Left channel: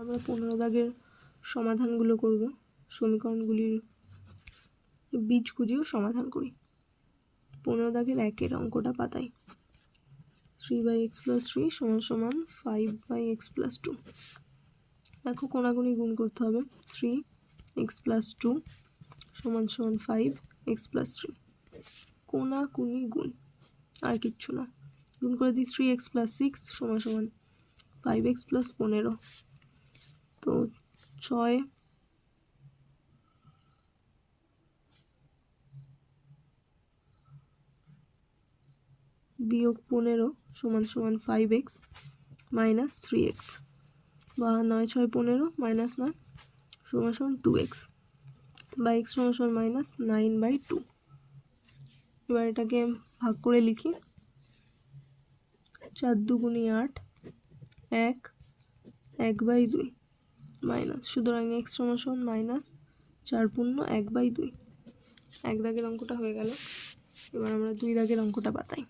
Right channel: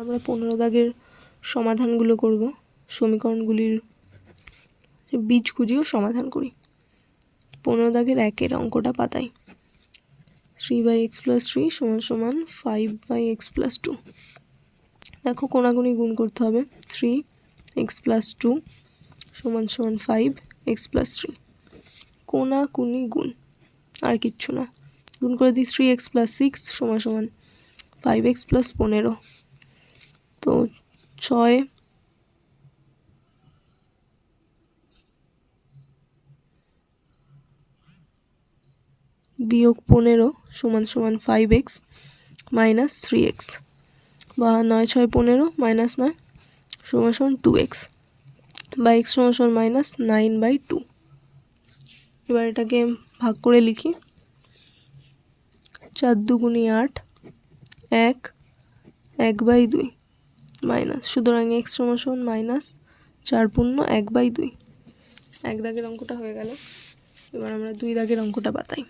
আমরা 15 দাগের সমাধানগুলো করব, সমীকরণগুলির বীজ খুঁজিও সমাধান করি। 15 দাগের 1-এর অঙ্কটা পাতাই। 3/x + 3 = 5/x + 2। দেখো কোনাগুনি গুণ করতে হবে। 3x + 2 = 5x + 3। কোনাকুনি গুণ, আর কিচ্ছু না। গুণ করে দিই 3x + 6 = 5x + 15। তো 6 - 15 = 5x - 3x, বা 9 - 6 = 15 - 9 = 2x, বা x = -9/2। এবার এটাকে ভাগ করে লিখি। 4 × 2 = 8, 1 1/2 মাইনাস, সুতরাং x = -4 × 1/2। 1 দাগের অঙ্কটা হয়ে গেল। এবার আমরা 2 দাগের অঙ্কটা পাতাই।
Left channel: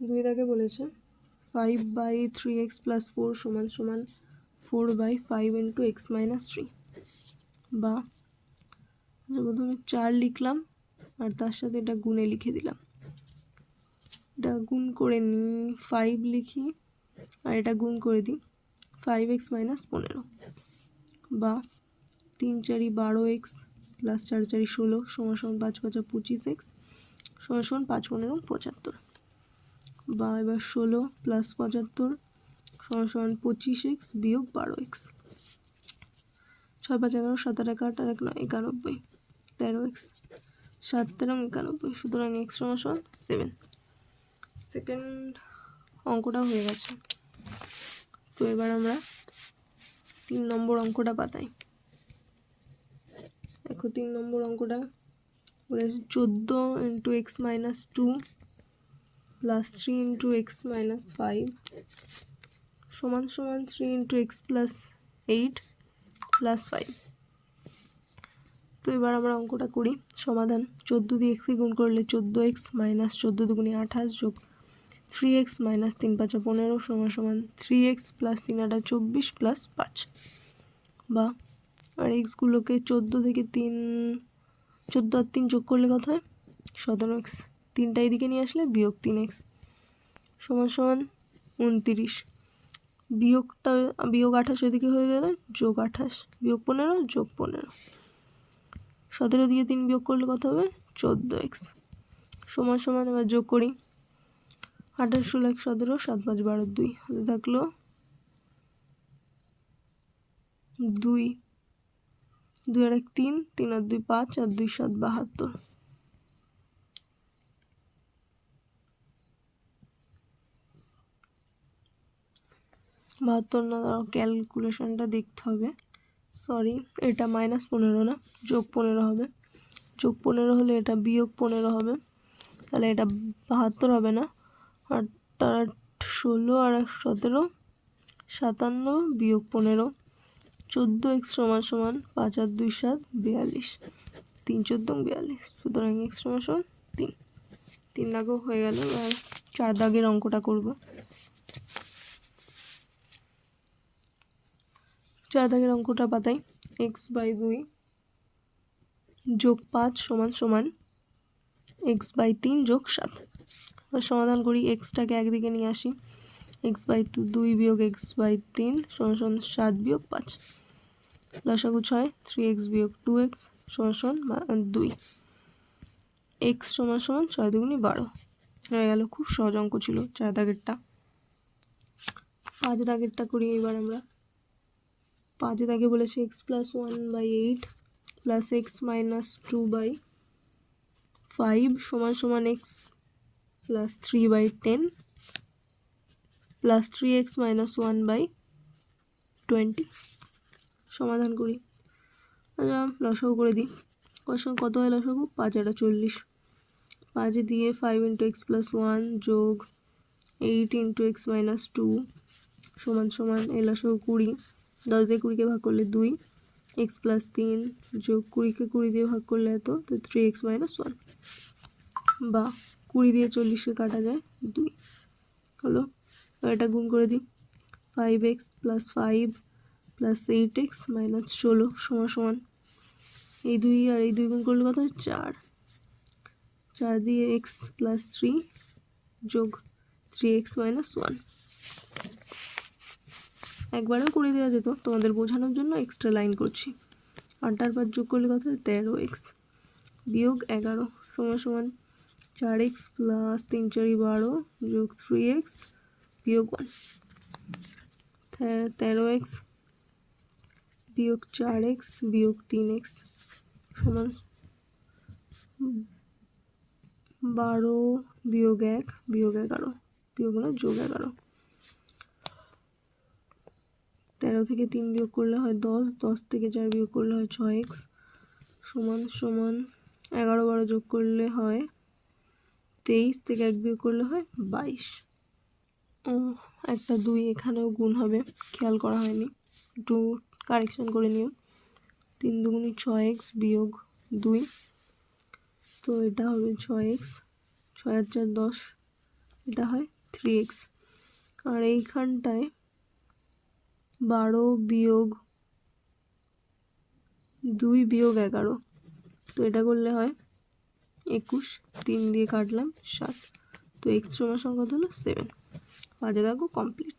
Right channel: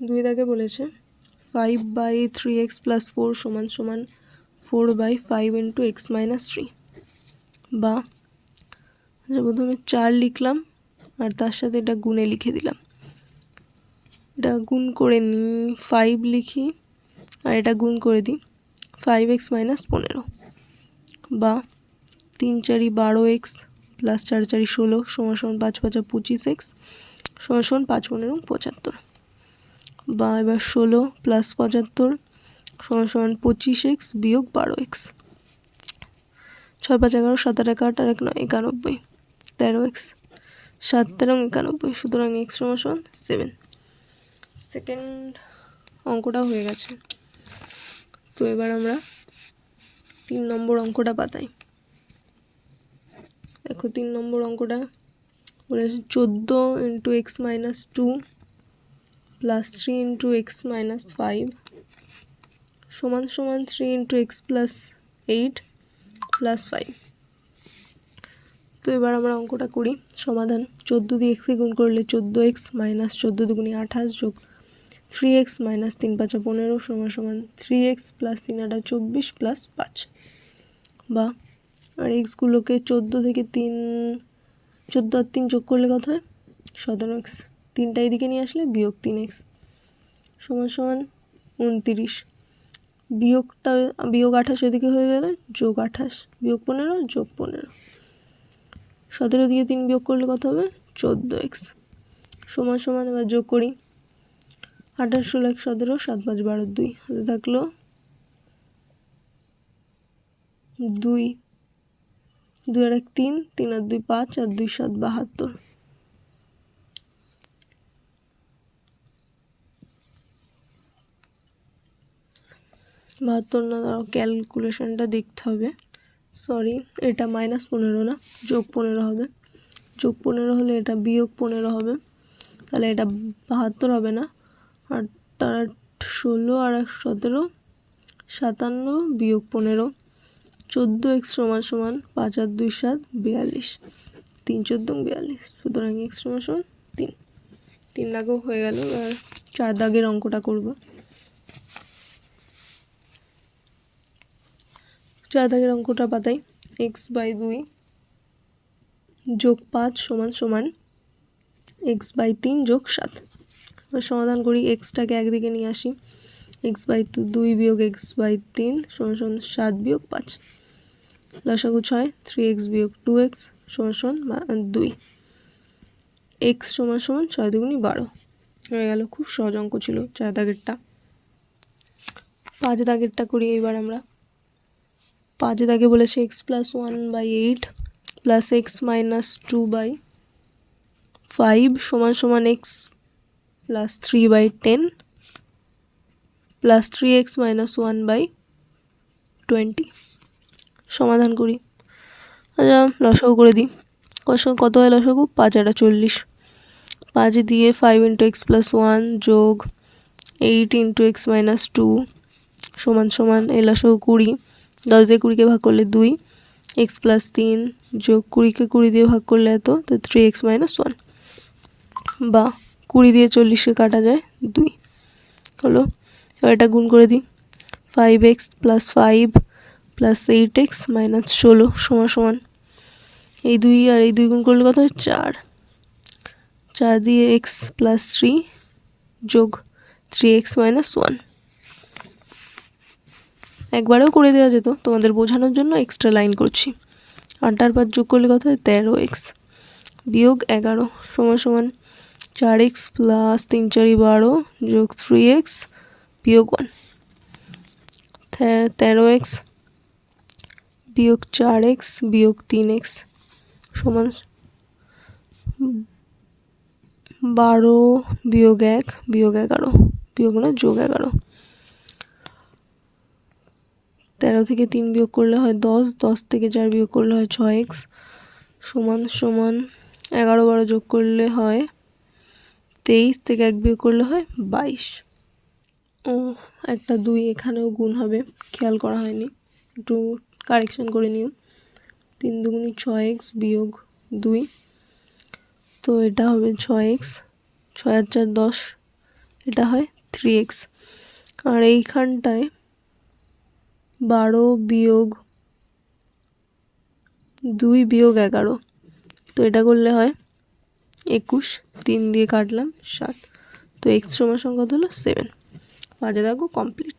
2 দাগে বলেছে 5/3x + 4 = 4/5 × x - 3, বা প্রথমে 4 লিখলাম আর তার সাথে এটা গুণে লিখে দিলাম। এটা গুণ করে নিই, 5 লিখি আর এটা গুণ করে দিই 5x - 15, বা 3 × 4 = 12x + 4 × 4 = 16 = 5 × 5 = 25x = 5 × 15 = 75, বা এবার 16 + 75 = 25x - 12x। 6 × 5 = 11, 7 × 8 = 8 আর 1 = 9 = 91, 13x 7 × 13 = 91, সুতরাং x = 7। সেকেন্ড অঙ্কটা হয়ে গেছে। তো এবার আমরা 3 নম্বর অঙ্কটা পাতাই। দেখো 3 নম্বর অঙ্কটা বলেছে 14 × x - 2 + 3 × x - 5 = 3 × x + 8 + 5। তো এবার আমরা অঙ্কটা করি। সমাধান: 14 দিয়ে x কে গুণ করলে 14x - 14 × 2 = 28 + 3x - 3 × 5 = 15 = 3x + 3 × 8 = 24 + 5, বা আর x গুলোকে 14 থেকে 14 আর 3 যোগ করলে কত হয়? 17x। 3টা এদিকে নিয়ে আসলে বিয়োগ 3x = 29। বিয়োগ 28 এদিকে হয়ে গেলে যোগ 28, বিয়োগ 15 যোগ 15। 17 দিয়ে 3 বিয়োগ করলে কত হবে? 14x = এবার যোগ করি। 28 × 16 = 17, 7 × 5 = 12, 2 হাতে থাকলো 2, 2 আর 1 3, 3 আর 2 5 আর 2 7 72। না, ক্যালকুলেশনটা দেখতে হবে। সরি, এটা -15 না, যোগ 15 হবে। যোগ 15 হলে এটা বিয়োগ 15 হবে, তাহলে এটা 72 হবে না। আর তার 16 আর 17 57 বিয়োগ 15, 14x = 5 আর 2 7 42, 3 × 14 = 42, সুতরাং x = 3। 3 দাগও হয়ে গেল। আর 4 দাগের অঙ্কটা করব। 4 দাগের অঙ্কটা পাতাই। x/2 + 5 = x/3 + 7। এবার সমাধান করি। xটাকে একদিকে নিয়ে আসি। x/2 - x/3 = 7 - 5। লসাগু 6, 3x - 2x = 2। x = 6 × 2 = 12 হয়ে গেল। খুব সহজ অঙ্ক ছিল 4 দাগেরটা। 5 দাগেরটা করি এবার আমরা। 5 দাগে বলেছে x + 1/8 + x - 2/5 = x + 3/10 + 3x - 1/20। সমাধান করি। আচ্ছা, লসাগু করে দিই। কত হয় লসাগু? 5 আর 40। 5 দিয়ে 5 × x + 1 যোগ 8 × x - 2 = এই লসাগু 20। 10 দিয়ে 20 কে ভাগ করলে 2, x + 3 যোগ 20 কে 20 দিয়ে ভাগ করলে এত, তো 3x - 1, বা 20 দিয়ে 40 কে কাটা যায় 2 হলো। এবার এটা গুণ করে দিই। 5x plus 5 plus 8x minus 16 সমান সমান এই 2 আর এই 2 গুণ করলে কত হয় 4 4 দিয়ে x প্লাস 3 যোগ 3x মাইনাস 1 একবারেও করে দেওয়া যেত, তোমাদের বোঝানোর জন্য এক্সট্রা লাইন করছি। 8 আর 5 যোগ করলে কত হয় 13x বিয়োগ 11 সমান সমান 4x প্লাস 3 4 12 যোগ 3x বিয়োগ 1 13x বিয়োগ 4x বিয়োগ 3x সমান 12 বিয়োগ 1 বিয়োগ 11 বিয়োগ না যোগ 11 13 থেকে 3 বিয়োগ করলে হয় 10 10 থেকে 4 বিয়োগ করলে হয় 6x সমান সমান 11 12 যোগ করলে হয় 23 থেকে 1 বিয়োগ করলে হয় 22 ও একটা 2 এখানেও গুণ হবে, খেয়াল করা হয়নি, একটু কারেকশন করে নিও। 3 দুগুণে 6x বিয়োগ 2, তো এটা হবে 6x, 6 আর 4 10, এটা হয় 3x। আর এইখানটায় 12 বিয়োগ 2 বিয়োগ 11, তো এটা করলে হয় 21, 3 দিয়ে কাটলাম 7, তো x সমান কত হলো 7। 5 দেখো কমপ্লিট।